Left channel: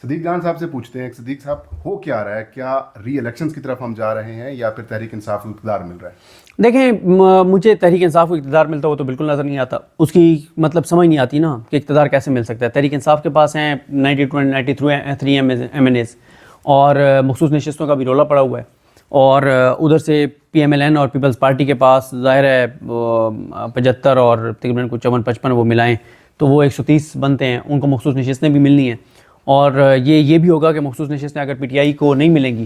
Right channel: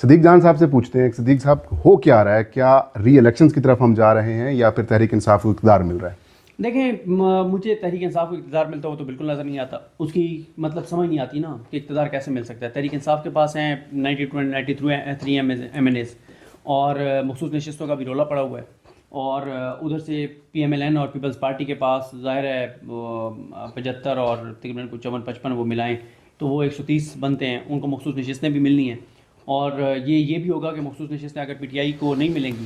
सदीक जान साहब से पूछते हैं, सदीक साहब हो क्या रहा है, क्या री इलेक्शंस की तरफ हम जा रहे हैं या फिर तहरीक इंसाफ को इक़्तिदार मिल रहा है? देखें, मुझे तहरीक इंसाफ को इक़्तिदार मिलता हो तो बिल्कुल नज़र नहीं आता, उसकी मतलब समझ नहीं आती ना कि इक़्तिदार कैसे मिल सकता है। तहरीक इंसाफ के पास हैं 93 MNAs और मखसूस नशिस्तों का भी रोला पड़ा हुआ है, और उधर से PMLN और पीपल्स पार्टी के पास ज़ाहिर है 75 और तकरीबन कुछ 54-55 वो मिलाएं तो वो 130 बनते हैं, उनको मखसूस नशिस्तें भी मिलनी हैं। और ये भी होगा कि मखसूस नशिस्तें अगर PTI को नहीं मिलेंगी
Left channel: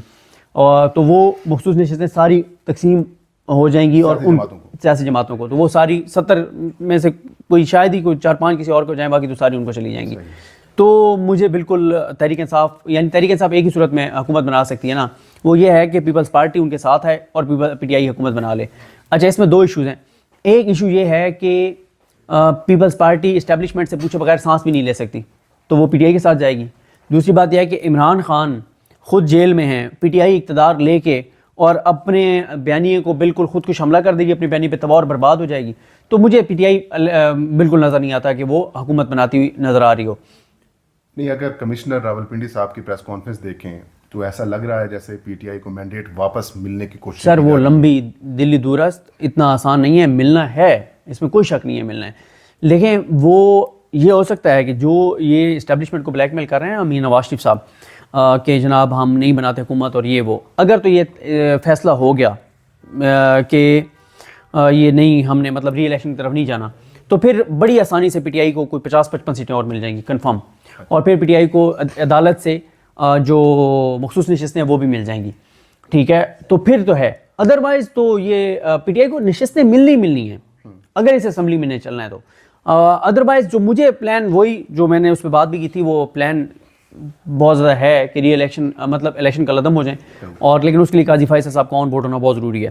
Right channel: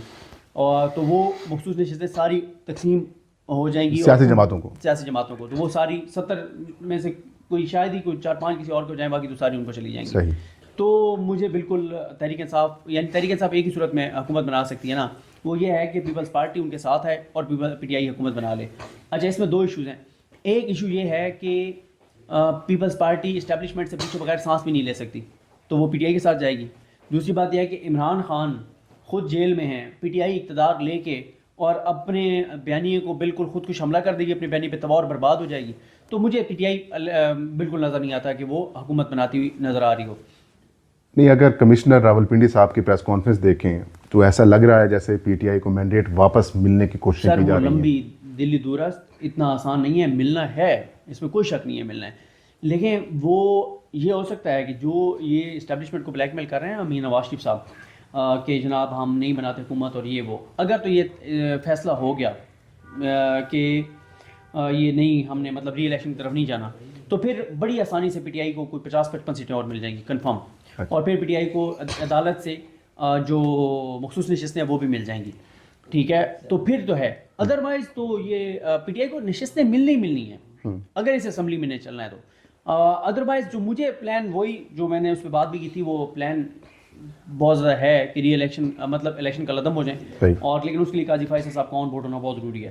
तो वो मखसूस नशिस्तें सारी तकसीम हो जाएंगी और सियासी जमातों को, तो वो सारी 70 में से कोई शायद ही कोई 4-5 किसी और को जाए, बाकी तो सारी उनको चली जाएंगी। तो मुझे बिल्कुल तहरीक इंसाफ, यानी तहरीक इंसाफ एक ही सूरत में हुकूमत बना सकती है ना, वो ये है कि पीपल्स पार्टी उनके साथ है और PTI हुकूमत बना ले। अच्छा, इसमें दो इशूज़ हैं। एक इशू ये है कि पीपल्स पार्टी इस्टेब्लिशमेंट से पूछे बगैर सांस भी नहीं ले सकती, तो वो PTI के साथ जाएगी। दूसरी बात यह है कि इमरान खान खुद जेल में हैं, PTI इक़्तिदार लेके और अपने बयानिए को बिल्कुल खुद कुछ हमला कर देगी, अपने बयानी पे तबाह और बर्बाद हो जाएगी। तो मुझे PTI बिल्कुल नज़र नहीं आता कि वो हुकूमत बनाती हुई नज़र आ रही हो। नहीं, अगर कमिश्नर रावलपिंडी साहब की प्रेस कॉन्फ्रेंस देखें तो ऐसा लग रहा है जैसे PTI को मैंडेट वापस मिलने की कोशिश। सर, वो लंबी दिल्ली दूरस्त इतना आसान नहीं है, मिलना है, इसमें कोई शक नहीं है, मिलना है। लेकिन वो ये हो सकता है कि जो ये इस्टेब्लिशमेंट को ब्लैकमेल कर रहे हैं मीर नवाज शरीफ साहब कि जनाब हम नहीं बनाते हुकूमत और ये वो, अगर तो ये फैसला हो गया कि ये नहीं, हमने मतलब री इलेक्शन की तरफ नहीं जाना, तो फिर बड़ी आसानी से PTI को कोई 50-55 सीटें और मिल जाएंगी कन्फर्म, और फिर PTI को अदालत से जो मखसूस नशिस्तें हैं वो भी मिल जाएंगी। ठीक है, तो फिर तो है, अदरवाइज तो ये PTI को नशिस्तें मिलनी है अगर इस असम्बली में नहीं चलना है तो। अदरवाइज जो मुझे प्लान, वही जो मैंने उस पर बात भी की थी, वो प्लान बहुत ज़्यादा है कि री इलेक्शन मतलब इलेक्शन कलअदम हो जाए, और लेकिन उसके लिए काजी फैसल साहब का ऑन बोर्ड होना बहुत ज़रूरी है।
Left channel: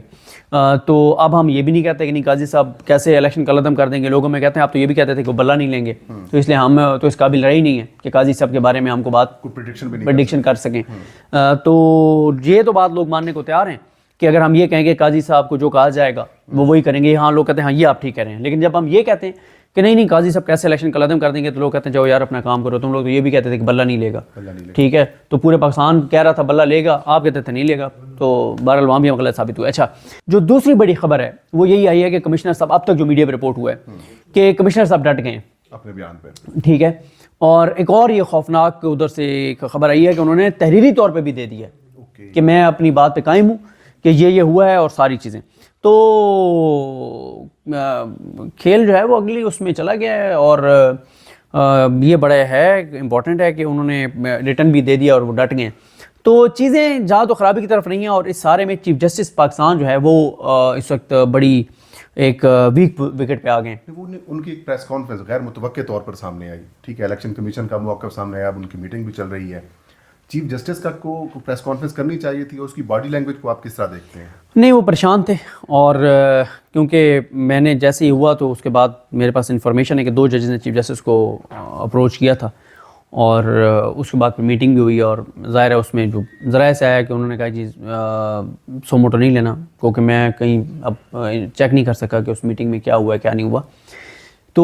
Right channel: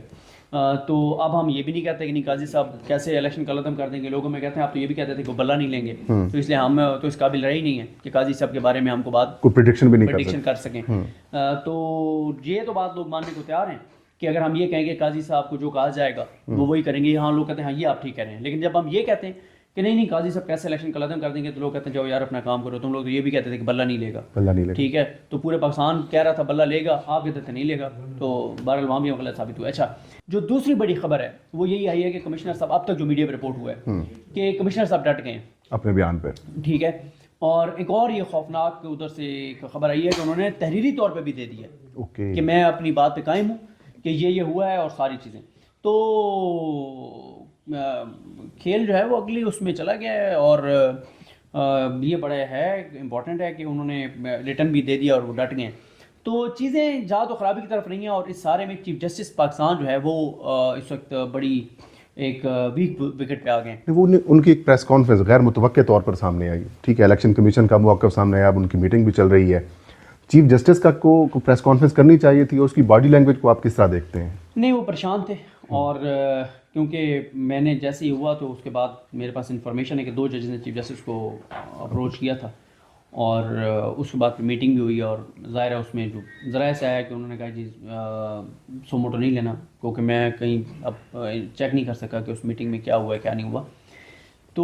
तो अब हम ये भी नहीं कहते कि नहीं काजी साहब कैसे इलेक्शन कलअदम कर देंगे, लोगों में कहते हैं आप तो ये भी कहते थे कि वो बल्ला नहीं लेंगे, तो इसलिए हम तो इस काबिल रहे ही नहीं है कि काजी साहब के बारे में हमको बात प्रेडिक्शन कर सकें। तो ये तो बात लोग मानने को तैयार हैं कि अगर हम ये कहेंगे काजी साहब को जो कहा जाएगा वो वही करेंगे, हाँ लोग कहते हैं हाँ ये आप ठीक कह रहे हैं। लेकिन जब हम ये कहते हैं कि नहीं काजी साहब कैसे इलेक्शन कलअदम कर देंगे, तो लोग कहते हैं जाओ यार अपना काम करो, तुम लोग तो ये भी कहते थे कि बल्ला नहीं लेगा। ठीक है, तो पूरे पाकिस्तान कह रहा था बल्ला लेगा, आप कहते थे नहीं लेगा, तो बहरहाल वहाँ भी हम गलत साबित हुए। अच्छा, जो दूसरी बड़ी खबर है वो यही आई है कि कमिश्नर साहब, अब तक जो मीडिया में रिपोर्ट हुआ है कि कमिश्नर साहब डट गए अपने बयान पे। ठीक है, और एक और ये खौफनाक उधर से एक खबर आई है कि उन्होंने तहरीरी तौर पर भी दे दिया कि मैं अपनी बात पर कायम हूँ कि ये हुआ है और सारी चीज़ें। तो खेल जो है वो अगली उसमें चला गया है, और ये बड़ा है इम्पॉर्टेंट है कि उन्होंने रिटर्न भी दे दिया और वो डट गए। तो चीज़ें जहाँ तो ख़राबी की तरफ नहीं है, और इस सारे में चीफ जस्टिस पाकिस्तान जो है वो इस वक्त बड़ी एक वीक विकेट पे आ गए। वो उनकी एक प्रेस कॉन्फ्रेंस गैर मुतवक्के तौर पर सामने आई। ठीक है, इलेक्शन कमीशन का मौक़िफ़ सामने आया, अब उनकी मीटिंग भी चल रही है। चीफ जस्टिस का को प्रेस कॉन्फ्रेंस करनी चाहिए थी, उसकी बॉडी लैंग्वेज को आप किस तरह देखते हैं? नहीं, वो परेशान थे, और क्योंकि मैंने जैसे ही हुआ तो उसके बाद मेरे पास इन्फॉर्मेशन है कि 2 जजेस ने चीफ जस्टिस को अप्रोच किया था, और उसके बाद फिर मीटिंग भी हुई, और ज़ाहिर है उसमें जो ज़राए से आया कि उन्होंने कहा जी सो मोटो नहीं लेना, क्योंकि मैं कहीं अब चेक नहीं कर सका कि उस मीटिंग में क्या हुआ क्या नहीं हुआ। तो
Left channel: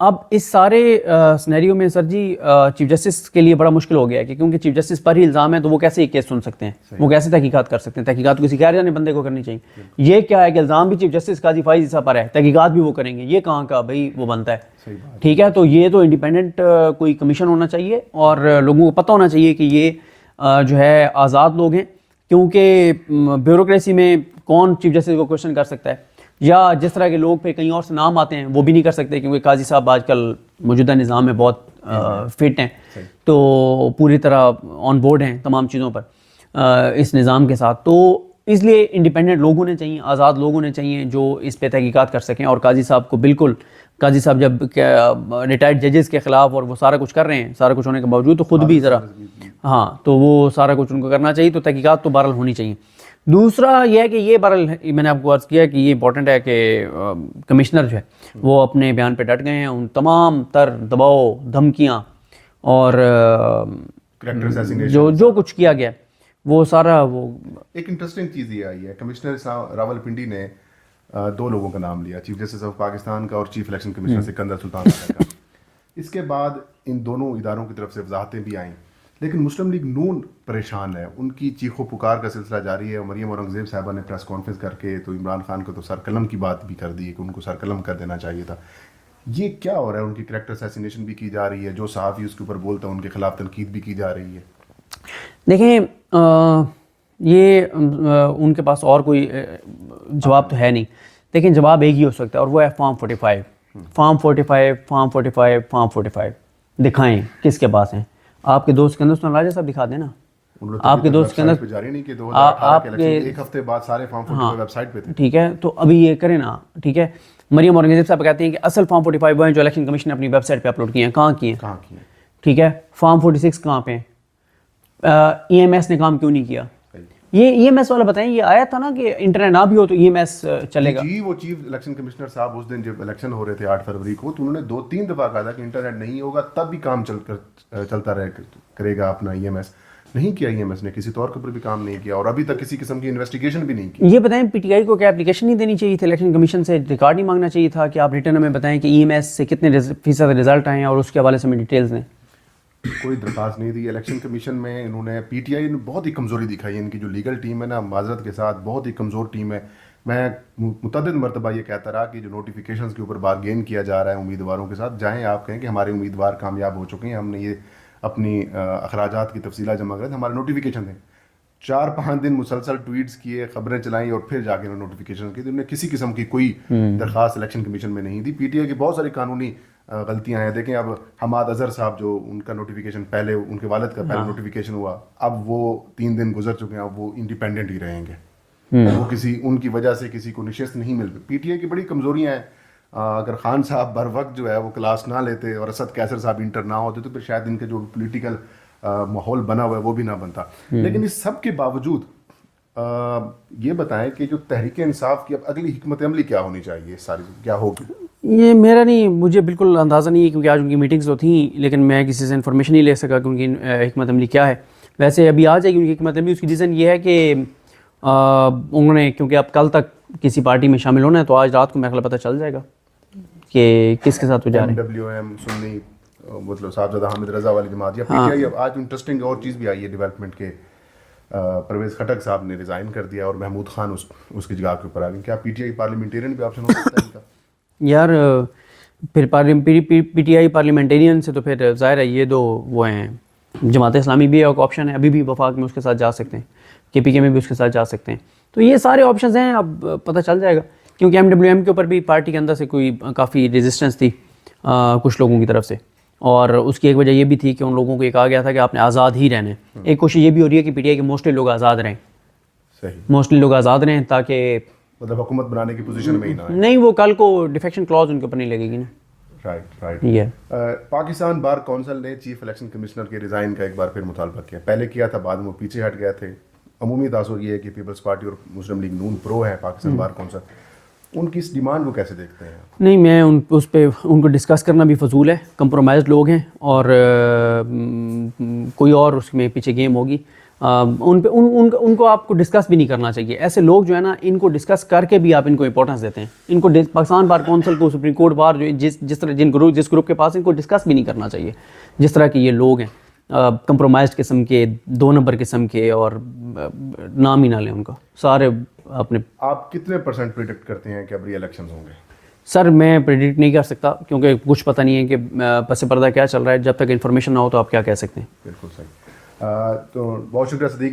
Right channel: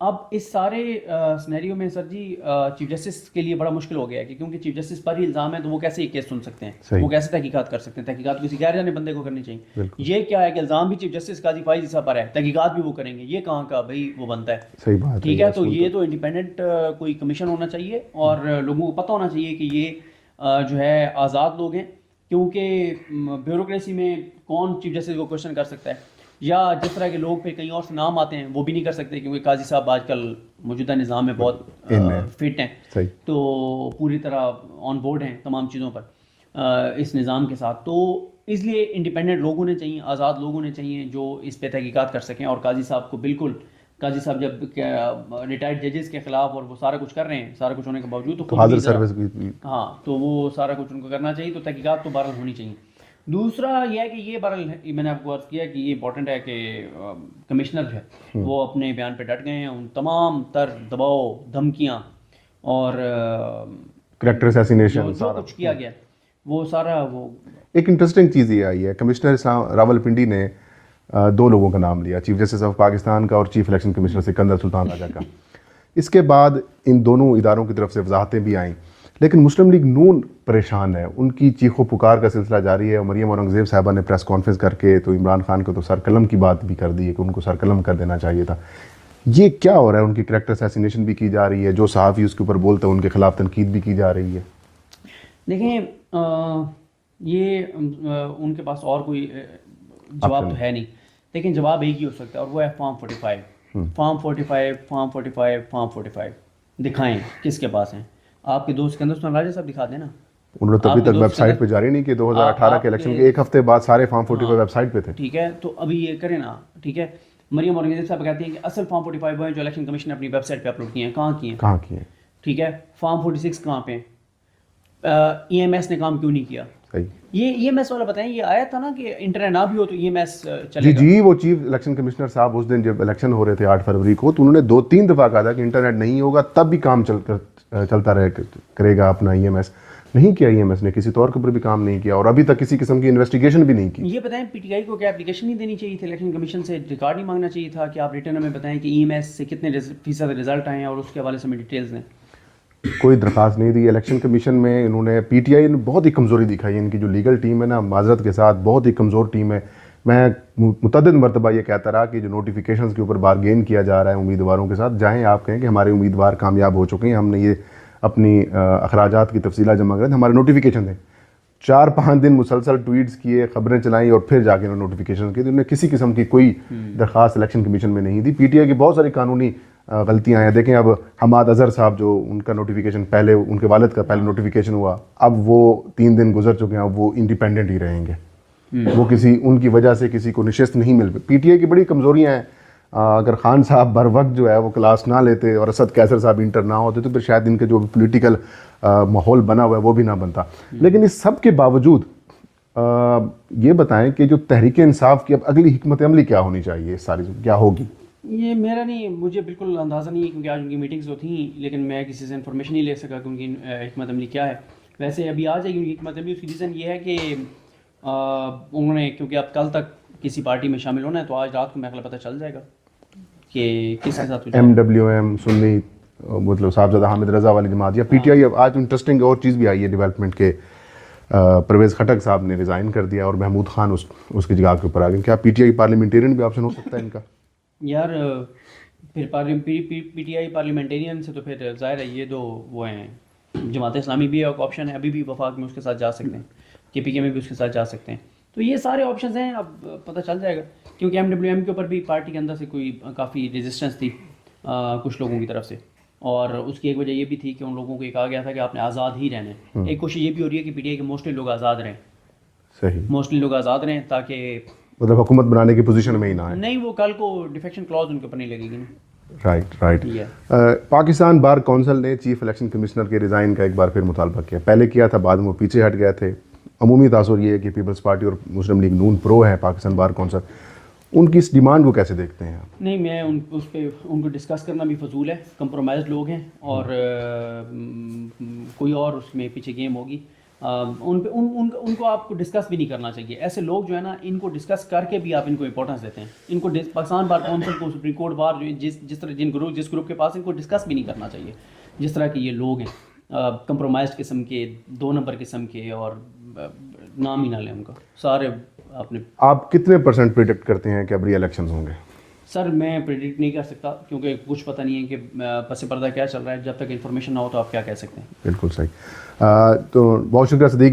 अब इस सारे सिनेरियो में सर जी चीफ जस्टिस के लिए बड़ा मुश्किल हो गया है कि क्योंकि चीफ जस्टिस पर ही इल्ज़ाम है, तो वो कैसे एक केस सुन सकते हैं, वो कैसे तहकीकात कर सकते हैं? तहकीकात किसी गैर जाने बंदे को करनी चाहिए। ये क्या है कि इल्ज़ाम भी चीफ जस्टिस काजी फाइज साहब पर है, तहकीकात भी वो करेंगे, ये कहाँ का भाई वो बनता है? सही बात। ठीक है, तो ये तो इंडिपेंडेंट कोई कमीशन होना चाहिए, और लोगों को पता होना चाहिए कि ये जो है आज़ाद लोग हैं, क्योंकि ब्यूरोक्रेसी में कौन चीफ जस्टिस को क्वेश्चन कर सकता है, या जिस तरह के लोग फिर कहीं और से नाम आते हैं वो भी नहीं कर सकते, क्योंकि काजी साहब आजकल मौजूदा निज़ाम में बहुत फिट हैं, तो पूरी तरह ऑन बोर्ड हैं तमाम चीज़ों पर इस निज़ाम के साथ। तो इसलिए इंडिपेंडेंट लोग होने चाहिए, आज़ाद लोग होने चाहिए जो इस पे तहकीकात कर सकें। और काजी साहब को बिल्कुल, काजी साहब जब रिटायर्ड जजेस के ख़िलाफ़ और वो सारा कुछ कर रहे हैं, सारा कुछ होने के बावजूद, तो खुद भी ज़रा हाँ, तो वो सारा कुछ उनको करना चाहिए, तो तहकीकात तो बहरहाल होनी चाहिए। दूसरा यह है कि ये बहरहाल मैंने आपको अर्ज़ किया कि ये इंपॉर्टेंट है कि कमिश्नर जो है वो अपने बयान पे डट गए हैं। उन तमाम तर दबाव, धमकियाँ और करैक्टर असैसिनेशन जो कुछ किया गया वो सारा, वो एक इंटरेस्टिंग चीज़ ये आई है, कमिश्नर रावलपिंडी ने 2 लोगों का नाम लिया, चीफ जस्टिस ऑफ पाकिस्तान का और chief election commissioner Sikandar Sultan Raja का। इसके बाद इन दोनों इदारों की तरफ से वजाहतें भी आईं लेकिन मुस्लिम लीग नून परेशान है, उनकी चीखों पुकार का सिलसिला जारी है। मरियम औरंगज़ेब साहबा ने प्रेस कॉन्फ्रेंस करके तो इमरान खान को तो सरकलम की बात भी कर दी है कि उनको सरकलम कर देना चाहिए था। ये क्या हो रहा है? उनकी करैक्टर असैसिनेशन भी की जा रही है, जो सहाफ़ी उसके ऊपर बोलते हैं उनके खिलाफ तनकीद भी की जा रही है। देखें ये उनके पास और कोई जवाब तो है नहीं, लेकिन जवाब एक ही हो सकता है और वो है फॉर्म 45। फॉर्म 45, फॉर्म 45, फॉर्म 45 दिखाएं किसके पास हैं। आपके दोस्त के अंदर राजा साहब दिखा देना। उन्होंने तो अभी तक वेबसाइट पे जारी नहीं कि 2018 के इलेक्शन एक हफ्ते बाद सारे फॉर्म 45 वेबसाइट पे थे। ठीक है, तो अभी ये करें ना। ठीक है, मरियम औरंगज़ेब साहब कहते हैं कि असल फॉर्म 45 वो हैं जो इलेक्शन कमीशन ने अपनी वेबसाइट पे अपलोड किए हैं। कहाँ किए? ठीक है, फॉर्म 46 कहाँ पे? EMS ने काम क्यों नहीं किया? ये EMS वाला बताएं, ये आया था ना कि इंटरनेट ना भी हो तो EMS चलेगा। जी, वो चीफ इलेक्शन कमिश्नर साहब उस दिन जब इलेक्शन हो रहे थे 8 फरवरी को, तो उन्होंने 2-3 दफ़ा कहा था कि इंटरनेट नहीं होगा तब भी काम चलता करेगा अपना EMS। नहीं किया EMS ने, किसी तौर के ऊपर भी काम नहीं किया और अभी तक किसी किस्म की इन्वेस्टिगेशन भी नहीं की। ये बताएं PTI को क्या एप्लीकेशन नहीं देनी चाहिए थी? इलेक्शन कमीशन से रिकॉर्ड नहीं मांगना चाहिए था कि आप रिटर्न में बताएं कि EMS से कितने फीसद रिजल्ट आए हैं और उसके हवाले से हमें डिटेल्स दें? कोई दरख्वास्त नहीं दी इलेक्शन कमीशन में। इन्होंने PTI ने बहुत ही कमज़ोरी दिखाई। इनकी जो लीगल टीम है ना, माजरत के साथ बहुत ही कमज़ोर टीम है। मैं मुतअद्दिद मरतबा ये कहता रहा कि जो नोटिफिकेशंस के ऊपर बारगेन किया जा रहा है उम्मीदवारों के साथ, जाएँ आप कहें कि हमारे उम्मीदवार कामयाब हो चुके हैं, हमने ये अपनी अखराजात की तफसीला जमा करें, हमारे नोटिफिकेशन दें। 4-5 दिन मुसलसल ट्वीट्स किए, खबरें चलाई और फिर जाके उन्होंने नोटिफिकेशन किए। तो उन्होंने किसी किस्म की कोई दरख्वास्त इलेक्शन कमीशन में नहीं दी। PTI की बहुत सारी कानूनी गलतियां हैं। देखें, अब हमाद अजहर साहब जो उनका नोटिफिकेशन पहले, उनके वालिद का पहले नोटिफिकेशन हुआ, अब वो 3 दिन गुजर चुके हैं, अब वो इंडिपेंडेंट ही रहेंगे। वो किसी उनकी वजह से किसी को निशस्त नहीं मिल पाई। PTI की बड़ी कमज़ोरियाँ हैं। अगर खान साहब बर वक्त जो है वो क्लास ना लेते और असद कैसर साहब इंटर ना होते तो फिर शायद इनके जो पोलिटिकल माहौल बना हुआ है वो भी ना बनता। लेकिन इस सब के बावजूद ये बताएं कि जो तहरीक इंसाफ की अब अगली हिकमत अमली क्या होनी चाहिए, सारी क्या होगी? ये मेरा नहीं, मुझे बिल्कुल अंदाज़ा नहीं है क्योंकि आज उनकी मीटिंग्स तो थी, लेकिन मैं किसी से इन्फॉर्मेशन नहीं ले सका कि उनकी हिकमत अमली क्या है। वैसे अभी आ जाएगी उनकी हिकमत अमली। उसकी रीज़न ये है कि उन्होंने, क्योंकि अब कल तक किसी पार्टी में शामिल होना है तो आज रात को मेरे ख्याल पता चल जाएगा कि किसके साथ MWM सुन्नी मतलब साहबजादा हामिद रजा वाली जमात या PTI। अब आज इंटरेस्टिंग और चीज़ भी आई है डेवलपमेंट के, परवेज़ खटक साहब ने रिज़ाइन कर दिया और महमूद खान उसकी जगह के ऊपर आ गए। क्या PTI पार्लियामेंटेरियन भी ऑप्शन हो सकता है इनका? यार फिर PTI पार्लियामेंटेरियन से तो फिर ज़ाहिर है ये दो वो हैं। जमात इस्लामी भी एक ऑप्शन है, अभी भी वफाक में उसके साथ जा सकते हैं, KPK में भी उसके साथ जा सकते हैं। तो ये सारे ऑप्शंस हैं, अब पता चल जाएगा। क्योंकि MWM के ऊपर भी पार्टी के अंदर से कोई काफ़ी रेजिस्टेंस थी कुछ लोगों की तरफ से, और उसकी एक वजह ये भी थी कि उन लोगों को ये कहा गया था कि आपने आज़ाद ही रहना है। एक कोशिश ये भी हो रही है कि PTI के मोस्टली लोग आज़ाद रहें। सही, मोस्टली लोग आज़ाद रहें ताकि मतलब हुकूमत बनाने की पोजीशन में ही ना है। नहीं, वो कल को डिफेक्शन क्लॉज उनके ऊपर नहीं लगेगी ना। राइट। ये पाकिस्तान बार काउंसिल ने चीफ इलेक्शन कमिश्नर के रिज़ाइन का एक बार फिर मुतालबा किया। पहले किया था, बाद में वो पीछे हट गए थे। अमूमी तासुर ये है कि पीपल्स पार्टी और मुस्लिम लीग नून प्रो है पाकिस्तान बार काउंसिल। उनकी इस डिमांड को कैसे देखते हैं? नहीं, मैं उस पर उनको डिस्कस करना भी फजूल है। कंप्रोमाइज़ लोग हैं और कोई और उसमें पीछे गेम होगी। उनको आपको डिस्कस भी नहीं करना चाहिए। ऐसे लोग जो है ना, इनको डिस्कस करके भी आप इनको इंपॉर्टेंस देते हैं। इनको पाकिस्तान बार काउंसिल को, सुप्रीम कोर्ट बार जो जिस तरह जिस ग्रुप के पास, इनको डिस्कस भी नहीं करना चाहिए। जिस तरह के ये लोग हैं, कंप्रोमाइज्ड किस्म के, 2 नंबर किस्म के, और नाम ही ना लें उनका सारे अपने। आप कितने % प्रिडिक्ट करते हैं कि अब री इलेक्शन होंगे? सर मैं प्रेडिक्ट नहीं कर सकता क्योंकि कुछ पता नहीं है कि पस पर्दा क्या चल रहा है। जब तक इन्फॉर्मेशन ना हो तो आप क्या कह सकते हैं। बिल्कुल सही। तो बहुत शुक्रिया सदीक भाई।